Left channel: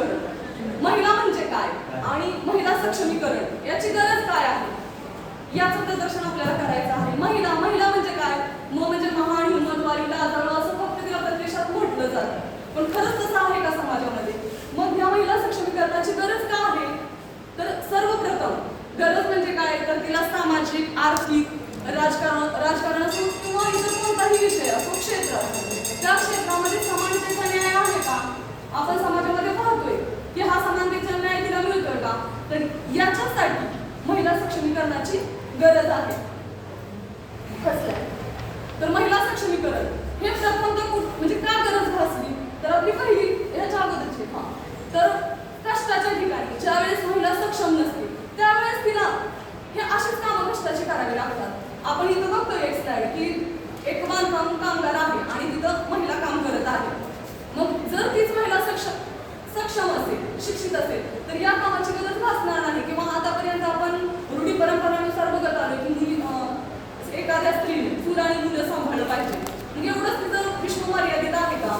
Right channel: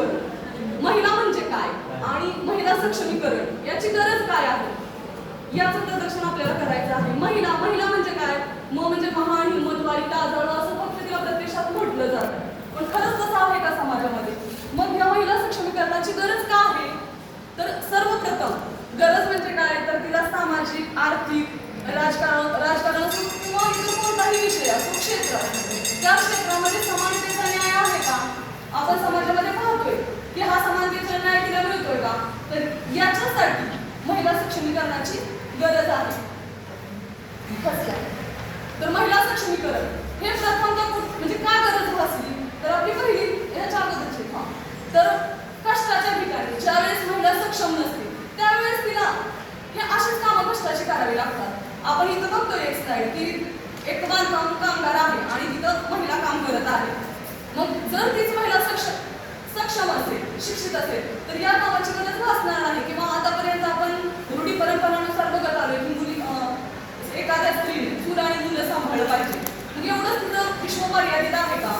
सक्षमीकरण. महिला म्हणजे काय? आणि महिला सक्षमीकरण याची गरज काय आहे? याचं प्रदर्शन आपल्याला करायचं आहे. महिला महिला म्हणजे काय? म म्हणजे महान हिंमतवारी लाजाळू असं फक्त तिला प्रत्यक्षात म्हटलं जातं. पण खरंच तसं आहे का समाजामध्ये? मग या महिला सक्षमीकरणाची गरज का आहे? तर सर्वप्रथम गरज म्हणजे काय? तर तिला सामाजिक आर्थिक राजकारण राजकारण असो किंवा इतर कोणताही विषय असो क्षेत्र. त्या क्षेत्रामध्ये समानतेचा न्याय आहे का? आपण समाजामध्ये की हा समानतेचा न्याय तिला मिळतोय का? तर याच्यासाठी महिला सक्षमीकरणाची गरज आहे. तर महिला सक्षमीकरण. हे प्रथम तर म्हणजे का गरज भासली? तर आपली पहिली ह्याच्या अगोदरची. हा. तर कष्टाच्या ठिकाणी ज्यावेळेस महिला सक्षम नसते त्यावेळेस तिला हे अशीच कामं कष्टाची करावी लागतात. आपण इथं बघतोय एक स्लाइड की एक बांधकाम कामगार आहे आणि तिथं महिला काम करत आहे. मग जर तीच महिला सक्षम सक्षम असेल शिक्षित असेल तर या कामाची गरज भासणार नाही किंवा आतापर्यंत आपण रूढी परंपरानुसार बघत आलो की मुली एखाद्या स्त्रीने चूल आणि मुलं सांभाळलं पाहिजे. मग एवढंच तिचं विश्व मर्यादित आहे का?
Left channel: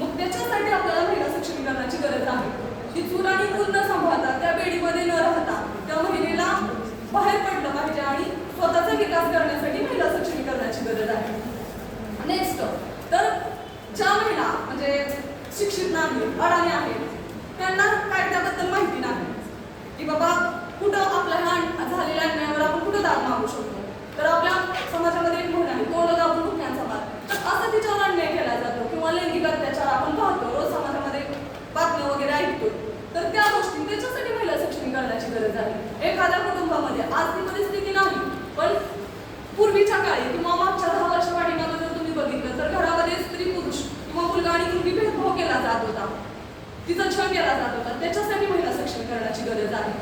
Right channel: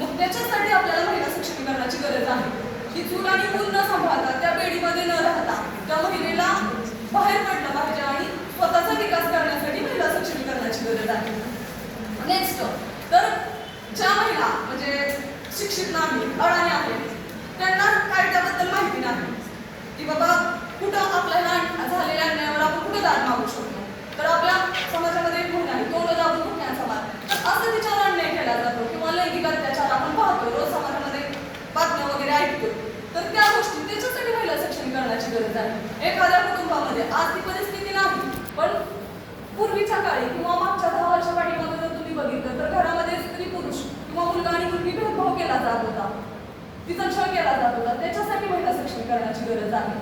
मग त्याच्यासाठी आपल्याला महिला सक्षमीकरणाची गरज आहे. ती चूल आणि मूल न सांभाळता त्या बेडीमध्ये न राहता त्या महिलेला बाहेर पडलं पाहिजे आणि स्वतःचा विकास करण्यासाठी महिला सक्षमीकरणाची गरज आहे. नेक्स्ट तर ज्या महिला म्हणजे शिक्षित नाही अडाणी आहेत त्यांना कायद्याबद्दल माहिती नाही की बाबा कुठं आपल्याला अन- झालेल्या अन्यायावर आपण कुठं दाद मागू शकतो तर आपल्या समाजामध्ये एक म्हण आहे तोंड दाबून मुख्यांचा मार तर असं तिच्यावर अन्याय केला जातो किंवा लैंगिक अत्याचार आपण पाहतो रोज समाजामध्ये बातम्या वगैरे ऐकतो तर त्या गोष्टी त्याच्यासाठी महिला सक्षमीकरणाची गरज आहे एखाद्या कुटुंबामध्ये आर्थिक परिस्थिती नाही पण पूर्वीच्या काळी किंवा मागच्या दहा वर्षा पाठीमागे जर तुम्ही बघितलं तर घरामध्ये स्त्री पुरुष किंवा मुलगा आणि मुलगी भेदभाव केला जात होता तिचा छळ केला जात होता त्याच्यासाठी महिला सक्षमीकरणाची गरज आहे.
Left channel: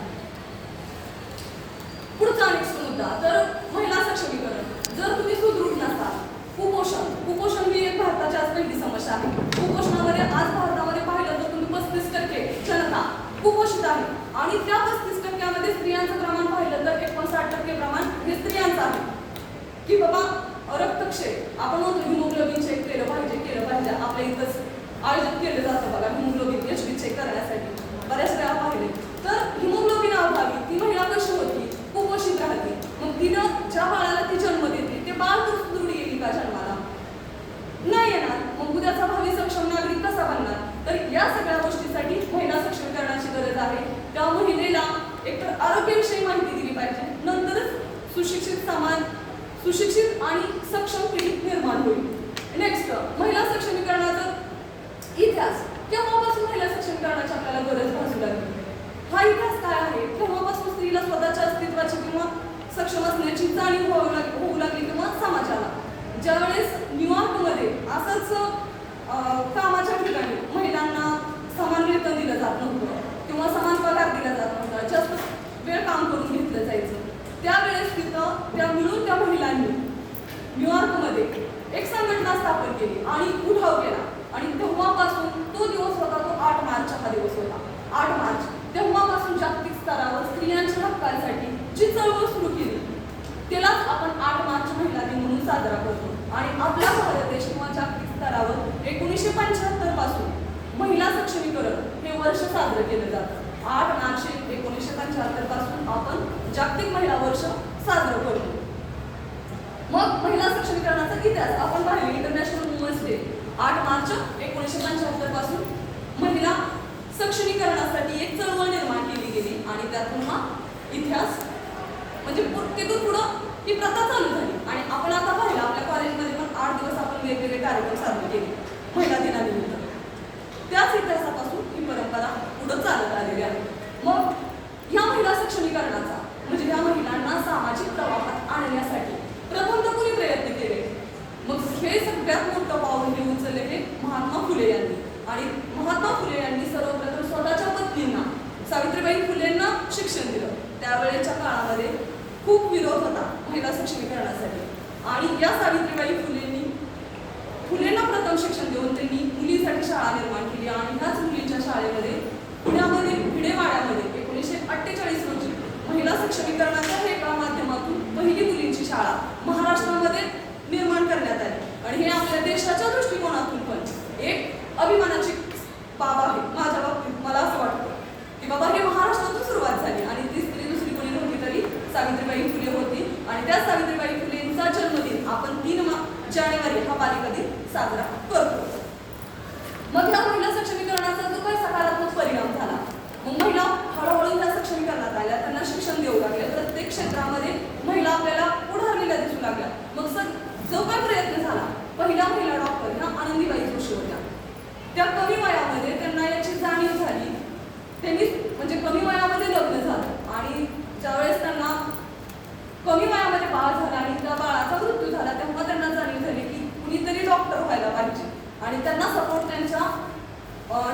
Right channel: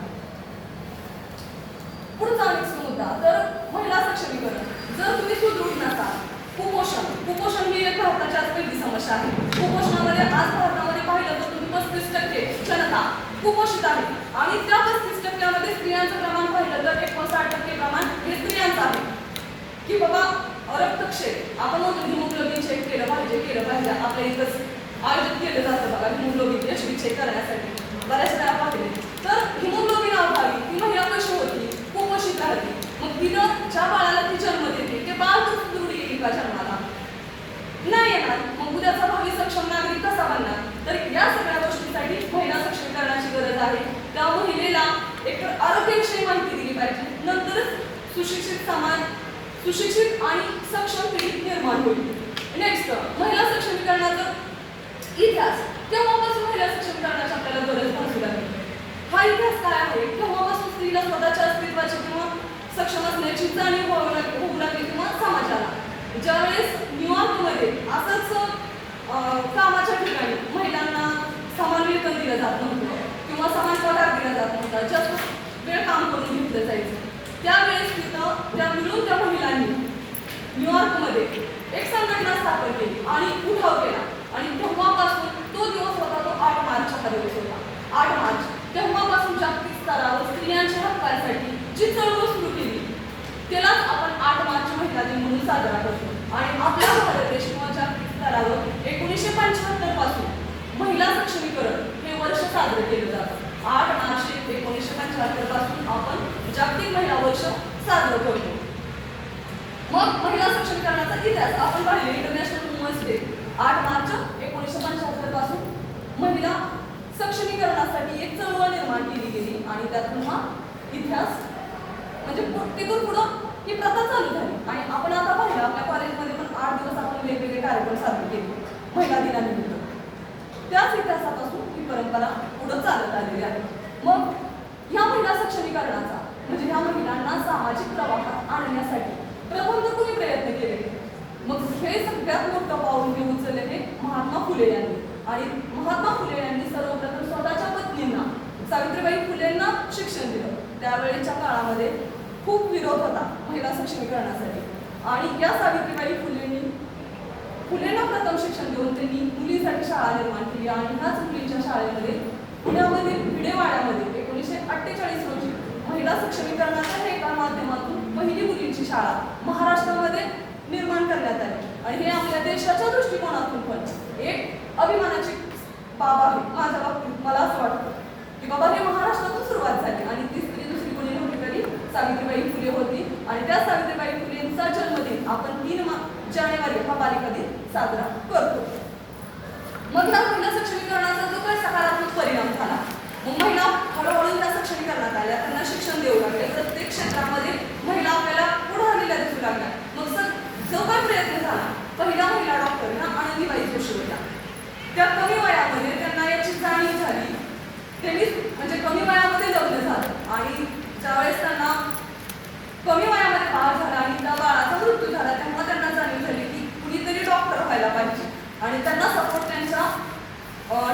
पुढचा नेक्स्ट मुद्दा तर महिला सक्षमीकरण. जर तुम्ही सुदृढ नसाल कुपोषण कुपोषण ही एक भारताची आज पहिली समस्या आहे. कुपोषणामध्ये आज भारतामध्ये पाहिलं तर तुम्ही पस्तीस टक्के जनता कुपोषित आहे. आणि त्या पस्तीस टक्क्यामध्ये स्त्रियांचं प्रमाण पाहिलं तर एकोणसाठ टक्के प्रमाण हे स्त्रियांचं आहे. की बाबा रक्तक्षय आपण म्हणतो हिमोग्लोबिन चेक केलं पाहिजे केलं पाहिजे आपल्या इथंच. आयोजित केलं जातं बघा हिमोग्लोबिन एच बी चेक करण्यासाठी बऱ्याच वेळा पाहिले तर हिमोग्लोबिन अभावी ती महिला कशी होती कुपोषित राहते. मग तिनं ज्या बाळाला ती जन्म देते ते बाळ तर येईल का जन्माला? नाही येणार. मग उद्याचा भावी सक्षम नागरिक कसा बनणार? तर या सगळ्या गोष्टीसाठी महिला सक्षमीकरणाची गरज आहे. त्या महिलेला एक आरोग्याविषयी माहिती दिली पाहिजे. नंतरच सुशिक्षित समाज सुशिक्षित आणि सक्षम पिढी निर्माण होईल. नेक्स्ट महिला सक्षमीकरणाचं इतिहास. तेव्हापासून महिला सक्षमीकरणाची आपल्याला गरज भासू लागली. हा इतिहास काय आहे? तेव्हापासून स्त्रीला स्वतःच्या अस्तित्वाची किंवा सक्षम असण्याची जाणीव होऊ लागली होऊ लागली किंवा समाजाला. ज्यावेळेस न्यूयॉर्कमध्ये असंच कामाच्या ठिकाणी महिलांना समान वेतन दिलं जात नव्हतं किंवा समान पगार दिला जात नव्हता जास्त वेळ काम करून घेतलं जायचं. त्यावेळेस तिथं त्या मिळून त्या महिलांनी न्यूयॉर्कमध्ये एक संघटना स्थापन केली आणि उठाव केला आणि तेव्हापासून तो दिवस होता तो आठ मार्चचा हा दिवस होता आठ मार्च तेव्हापासून जागतिक स्तरावर स्त्रियांच्या हक्कांसाठी जी चळवळ सुरू केली त्यालाच आपण आठ मार्च महिला दिन म्हणून साजरा करतो आणि आपल्या भारत देश किंवा जागतिक स्तरावर एकोणीसशे पंच्याहत्तरपासून महिला सक्षमीकरण हे वर्ष साजरं केलं जातं. आठ मार्च एकोणीसशे पंच्याहत्तरपासून आपण जागतिक महिला वर्ष साजरं करतो. मग महिला सक्षमीकरणाचा इतिहास आपण पाहिले इंटरनॅशनल वुमन्स डे आठ मार्च एकोणीसशे पंच्याहत्तरपासून महिला सक्षमीकरणासाठी एक चळवळ निर्माण केली गेली आणि त्यातून हा इतिहास म्हणजे तिथून पुढं ही प्रथा चालू झाली. आणि आपण आता पाहिलं आपल्या कॉलेजमध्ये पण आठ दिवस आपण वेगवेगळे कार्यक्रम साजरे केले महिला दिनानिमित्त. त्याच इतिहासापासून परंपरा पुढं चालत आलेली आहे. मग ह्या महिला सक्षमीकरणाचा म्हणजे ह्या महिलांना सामाजिक प्रवाहात आणण्यासाठी प्रबंध कुणी प्रयत्न केले? मग हे सगळ्यात मोठं पाऊल घेऊन उचलले हे महात्मा फुले यांनी. आणि महात्मा फुले यांनी सर्वप्रथम स्वतःच्या पत्नींना सावित्रीबाई फुलेंना शिक्षण दिलं. त्यावेळेच्या काळामध्ये खूप विरोध होता महिला सक्षमीकरणासाठी. आणि या सावित्रीबाई फुलेंनी मुलींना प्रथम शिक्षण देऊन त्यांनी मुलीसाठी शाळा निर्माण केली आणि ह्याच मुलींच्या शाळेमध्ये पुण्यामध्ये भिडेवाड्यामध्ये एकोणीसशे अठ्ठेचाळीस रोजी महिला सक्षमीकरणाच्या हे एका माध्यमातून पहिली मुलींची शाळा महाराष्ट्रामध्ये निर्माण करण्यात आली. आणि हे आपल्या देशाच्या दृष्टिकोनातून पण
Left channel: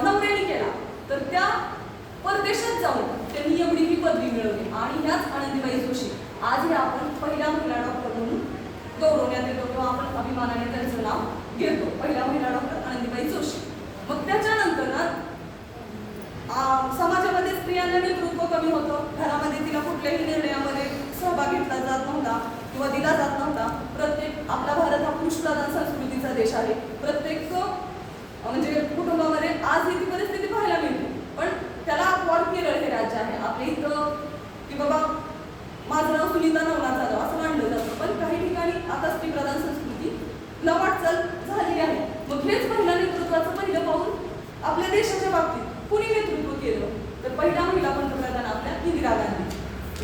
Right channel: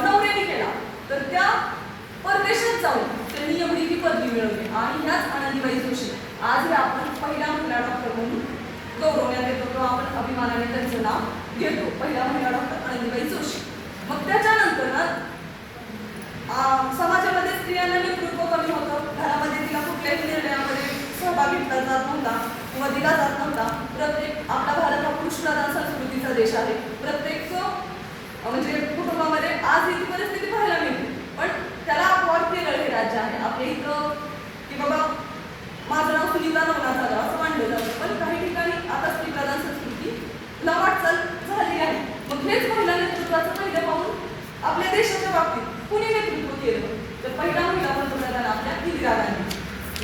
नवऱ्याने केला. तर त्या परदेशात जाऊन त्यांनी एवढी ही पदवी मिळवली. आणि ह्याच आनंदीबाई जोशी. आजही आपण पहिला महिला डॉक्टर म्हणून गौरवण्यात येतो किंवा आपण अभिमानाने त्यांचं नाव घेतो. पहिला महिला डॉक्टर आनंदीबाई जोशी. मग त्याच्यानंतर ना समाजामध्ये स्त्रियांना नेतृत्व कमी होतं. घरामध्ये तिला कुठल्याही निर्णयामध्ये सहभाग घेतला जात नव्हता किंवा दिला जात नव्हता. प्रत्येक आपला भारत हा कृष्णप्रधान संस्कृतीचा देश आहे.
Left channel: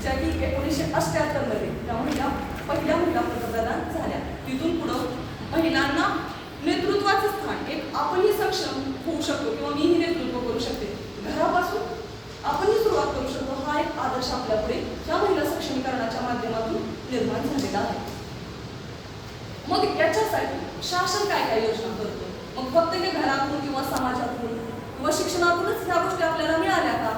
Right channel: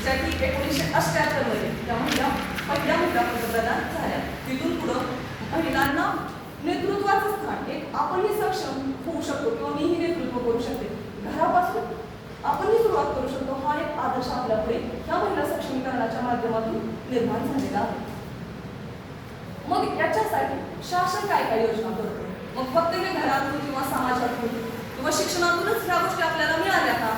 गांधी ज्या एकोणीसशे अष्ट्याहत्तरमध्ये त्या महिला पहिल्या महिला पंतप्रधान झाल्या. तिथून पुढं महिलांना नेतृत्वाचं स्थान एक आपणही सक्षम होऊ शकतो किंवा मीही नेतृत्व करू शकते घरापासून आपणही सुरुवात करू शकतो हा एक आदर्श आपल्यापुढे या महिला सक्षमीकरणाच्या माध्यमातून निर्माण झालेला आहे. मग याच्यासाठी शासन काय काय योजना करतो? मग फक्त हे घरातून किंवा समाजातून किंवा शिक्षणातूनच ह्या गोष्टी आपल्याला मिळाल्या का?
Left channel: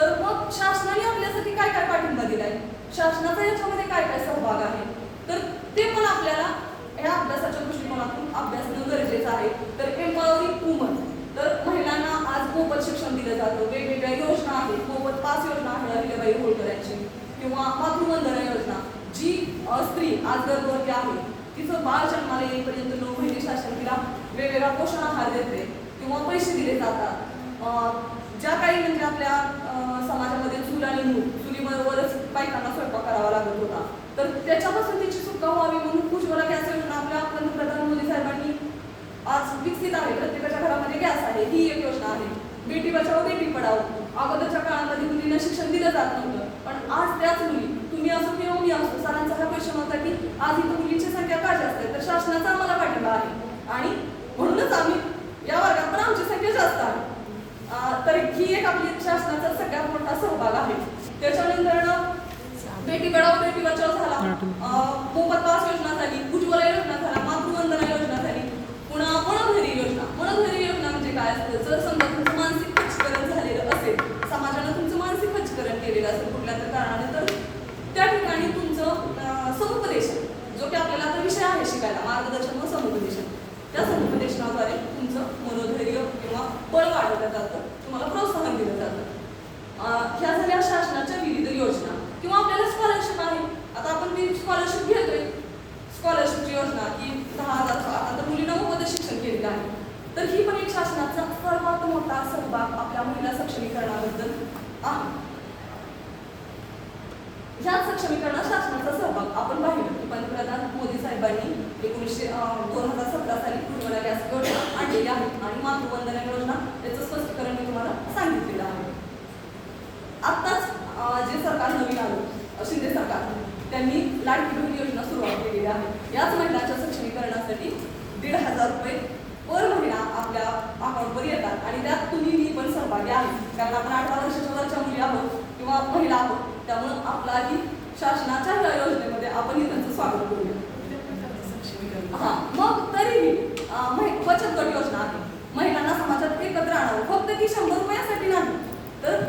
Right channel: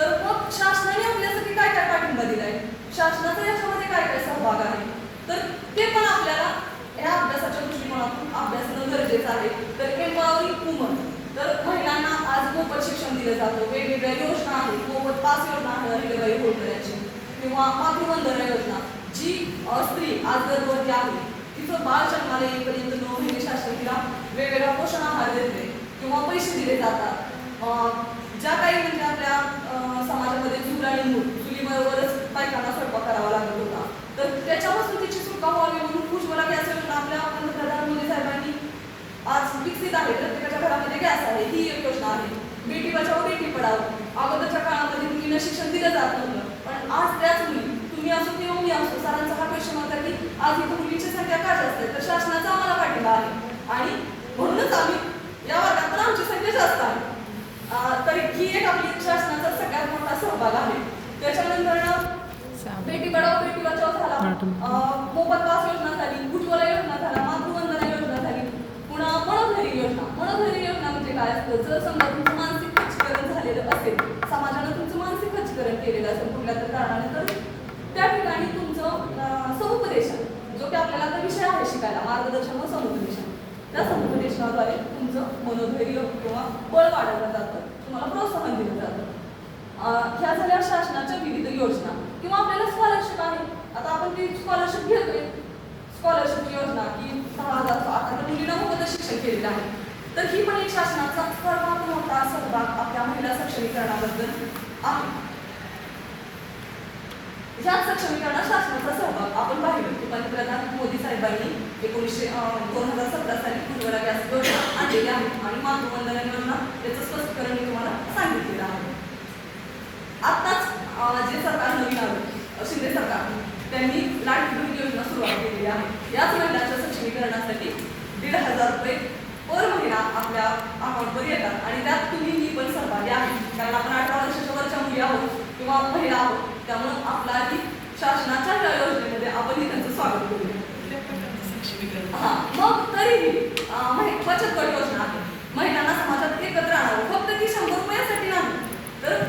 तर मग शासनाने आपल्यासाठी काय काय पाठिंबा दिलाय? शासनाचा याच्यामध्ये काय काय सहभाग आहे? तर ते पण आपल्याला या अभ्यासाच्या दृष्टिकोनातून अभ्यासणं गरजेचं आहे. तर एम्पॉवरिंग वुमन तर महिलांना आज मोफत शिक्षण दिलं जातं. वेगवेगळ्या योजना आहेत. मोफत पाच योजना आहे होळकरांची किंवा मातृवंदना योजना जी स्त्री आज गर्भवती आहे. तिचं बाळ जन्माला येईपर्यंत नऊ महिने शासन तिला वेगवेगळा पोषण आहार देते किंवा पैसे दिले जातात. ज्या काही म्हणजे आपल्या समाजामध्ये चूल आणि मूल चुलीबरोबरच बायकांना स्वयंपाक करावा लागत होता. तर त्याच्यापासून तिची सुटका व्हावी म्हणून उज्ज्वला गॅस योजना आपल्या पंतप्रधान मोदी साहेबांनी आज विकसित आहे. प्रत्येकाच्या घरामध्ये गॅस आहे. ही एक योजना आहे. बेटी बचाव बेटी पडाव अगोदरच्या काळामध्ये मुलींना शिक्षण दिलं जात नव्हतं. पण आज त्याच मुली तुम्ही असो किंवा मी असो सरांचा हा प्रश्न होता की आज इथं मुलींची संख्या का जास्त आहे? तर शासनाचा आम्हाला पाठिंबा आहे. आणि म्हणूनच आम्ही या वर्गात पण आमची संख्या जास्त आहे अं, तर ही एक आपली शासनाचा सगळ्यात मोठा सहभाग आहे त्याच्यानंतर ना बेटी पढाओ बेटी बचाओ झाला मोफत पास योजना झाली उज्ज्वला योजना झाला मातृवंदना योजना झाली पुन्हा मनोधरी योजना. मनोधरी योजना म्हणजे काय असतं? जर समजा तुमचं मानसिक खच्चीकरण झालेलं असेल. समाजानं तुमचं मानसिक खच्चीकरण केलेलं असेल कुठल्या तर कारणाने तर त्या ठिकाणी तुमचं समुपदेशन जो की आपल्याला आता विषय आहे शिकायला मार्गदर्शन व समुपदेशन. त्या समुपदेशनाद्वारे तुमचं मनोधैर्य किंवा बळ वाढवलं जातं. तुम्हाला प्रोत्साहन दिलं जातं. ह्या झाल्या शासनाच्या विविध योजना. किंवा आपल्याला स्कॉलरशिप आहे. आता आपण ती स्कॉलरशिप घेतोय. स्कॉलरशिपची योजना की दहा हजार आता तर मुलींना मोफत शिक्षण केलेलं आहे. तर ही पण एक शासनाचा सर्वात मोठा सहभाग आपल्या महिला सक्षमीकरणाबद्दल आहे. ह्याच सक्षमीकरणात शासनाचा सहभाग आपण पाहिलं की पंतप्रधान मोदी साहेबांनी एकोणीसशे दोन हजार सतरा साली उज्ज्वला गॅस योजना आणलेली आहे. आणि मातृवंदना योजना याचं स्पष्टीकरण मी तुम्हाला सांगितलेलं आहे. आत्ताच जे सरकार नवीन आलं शिंदे सरकार त्यांनी लाट बहीण योजना सुरुवात केलेली आहे. याच महिलांच्या सक्षमीकरणासाठी दीड हजार रुपये पर महिना आपल्या अकाउंटवर येतात आणि त्यात तुम्ही ही पण सहभागी आहे कारण आपण अठरा वर्षाच्या वरच्या मुली आहोत किंवा महिला आहोत त्यामुळं आपलाही शासनाच्या या योजनेमध्ये आपणही त्यांचं स्वागत करूया. हा मग तरीही बचत गट योजना महिलांना समाजात एकत्र आणावं. फक्त ती शंभर रुपयासाठी नाही तर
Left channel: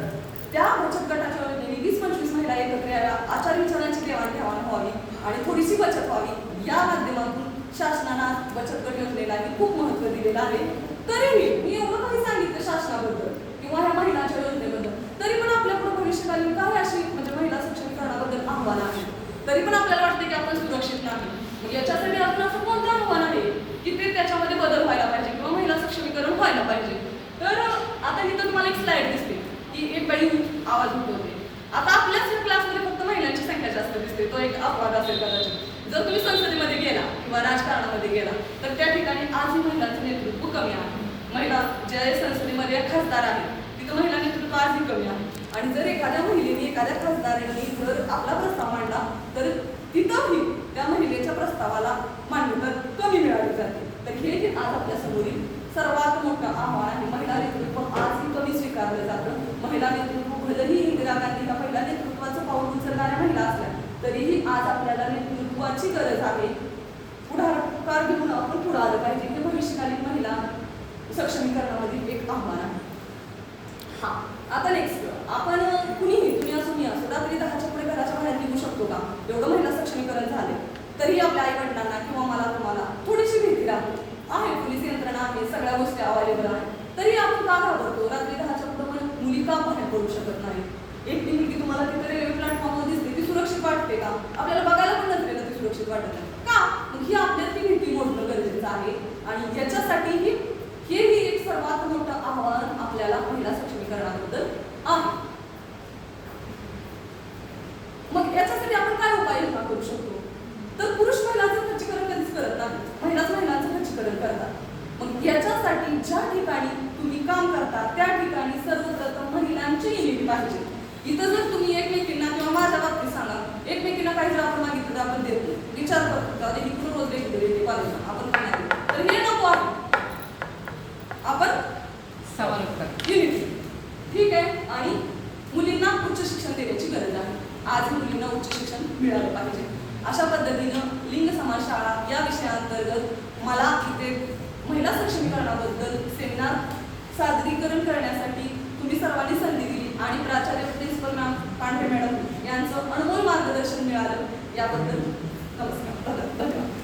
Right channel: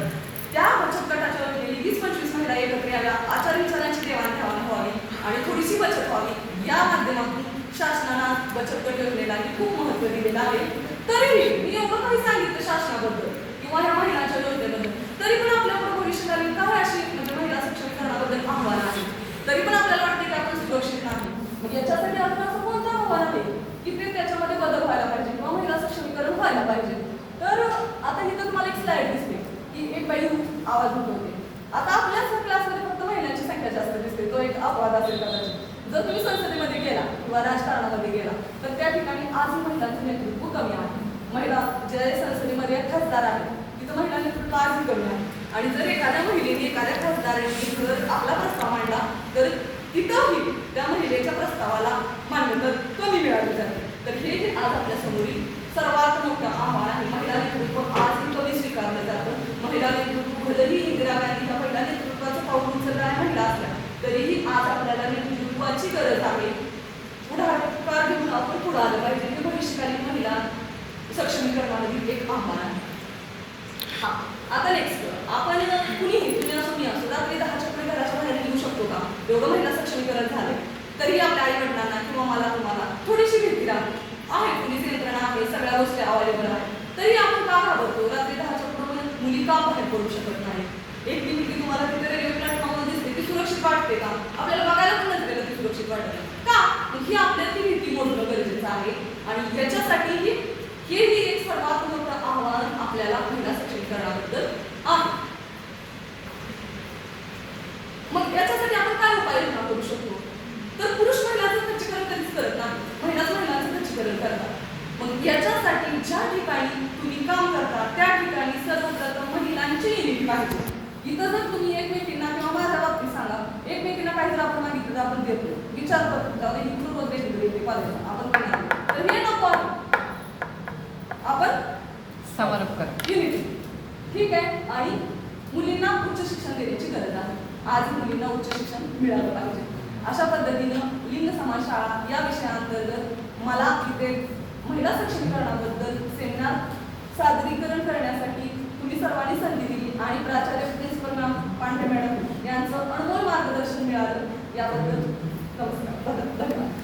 त्या बचत गटाच्या योजनेने वीस पंचवीस महिला एकत्र याव्या आचार विचारांची देवाणघेवाण व्हावी आणि थोडीशी बचत व्हावी या माध्यमातून शासनानं बचत गट योजनेलाही खूप महत्त्व दिलेलं आहे. तरीही मी एवढं काही सांगितलं शासनाबद्दल किंवा ह्या महिलांच्या योजनेबद्दल. तरी पण आपल्या भविष्यकालीन काय अशी म्हणजे महिला सक्षमीकरणाबद्दल आव्हान आहे तरी पण आपल्याला वाटते की आपण सुरक्षित नाही. मग याच्या आपण असं कोणतं आव्हान आहे की ते त्याच्यामध्ये बदल व्हायला पाहिजे किंवा महिला सक्षमीकरण व्हायला पाहिजे तर आता इथं तुम्हाला एक स्लाइड दिसते की एक बाई आवाज उठवते आता आपल्याच क्लासमध्ये फक्त महिलांची संख्या जास्त दिसते तो एक अपवाद असेल कदाचित जर तुम्ही संसदेमध्ये गेला किंवा राजकारणामध्ये गेला तर त्या ठिकाणी आजही महिलांचं नेतृत्व कमी आहे महिला ज्या संसदेमध्ये खासदार आहे. तिथं महिला नेतृत्व आजही कमी आहे. आणि जर एखाद्या महिलेने एखाद्या खासदारांनी जर आपला प्रस्ताव मांडला तर तिथंही त्या महिलेच्या प्रस्तावाला मान्यता कमी मिळाली जाते. तर हे जे आज आपल्यासमोरील सर्वात मोठं आव्हान आहे महिला नेतृत्व आजही कमी स्वीकारलं जातं. महिला नेतृत्व भलेही इंदिरा गांधीच्या महिला नेतृत्वाचं पाऊल उचलणाऱ्या महिला असल्या तरीही आज आपल्याला नेतृत्वाची गरज आहे. पुढाकार घेऊन आपण पुढे आलं पाहिजे. भविष्यकालीन महिला सक्षमीकरणामधील एक आव्हान आहे. हा आता नेक्स्ट आपण कुणीही तुम्ही असो मी असो रात्री दहाच्या पुढे घराच्या बाहेर निघू शकतो का? एवढं महिला सक्षमीकरण झाले तरी आपल्या आई वडिलांना किंवा मला तुम्हाला थोडीशी भीती राहते आहे पोलीस यंत्रणा आहे सगळ्या गोष्टी अवेलेबल आहेत. तरी आपण का घाबरतो? रात्री दहाच्या पुढे मुली का बाहेर पडू शकत नाही एकटी मुलगी तुम्हाला तिथे रेल्वे प्लॅटफॉर्मवर दिसते ती सुरक्षित वाटते का? आपल्याला बघायला पण नसते ती सुरक्षित वाटत का? ही आपल्याला ती भीती मोडणं गरजेचं आहे. आणि याच्यासाठी ही हेही एक सर्वात मोठं आव्हान आपल्याला महिला सक्षमीकरणाबद्दल आहे. मग याच्यासाठी आपण काय उपाययोजना करू शकतो? तर पुरुष महिलांचं खच्चीकरण कधीच करत नाही. महिलाच महिलांचं खच्चीकरण करतात. मग याच्यासाठी ज्या ठिकाणी तुम्ही काम करता त्या ठिकाणी सर्वप्रथम महिलांची युनिट पाहिजे. इथं जर तुम्ही एकमेकींना किंवा माझ्या बाबतीत सांगा एकमेकींना काही जर आपण मागितलं तर आपण देतो. विचार करतो आता इकडून रोज देतो कॉलेजला आपण नाही तर हे नको आहे. आपण ठीक आहे. आणि मुलींना उच्च शिक्षण देण्याची गरज आहे. आज मुलींना उच्च शिक्षण मिळालं पाहिजे. अशा पद्धतीनं लिंग समाज शाळा या विषयाअंतर्गत मला इथे महिला सक्षमीकरणाबद्दल सेमिनार सादरीकरण करण्यासाठी तुम्ही सर्वांनी संधी दिली आणि प्राचार्य प्रिन्सिपल मॅम पांढरे मॅडम यांचं अनमोल मार्गदर्शन मिळालं. याबद्दल नमस्कार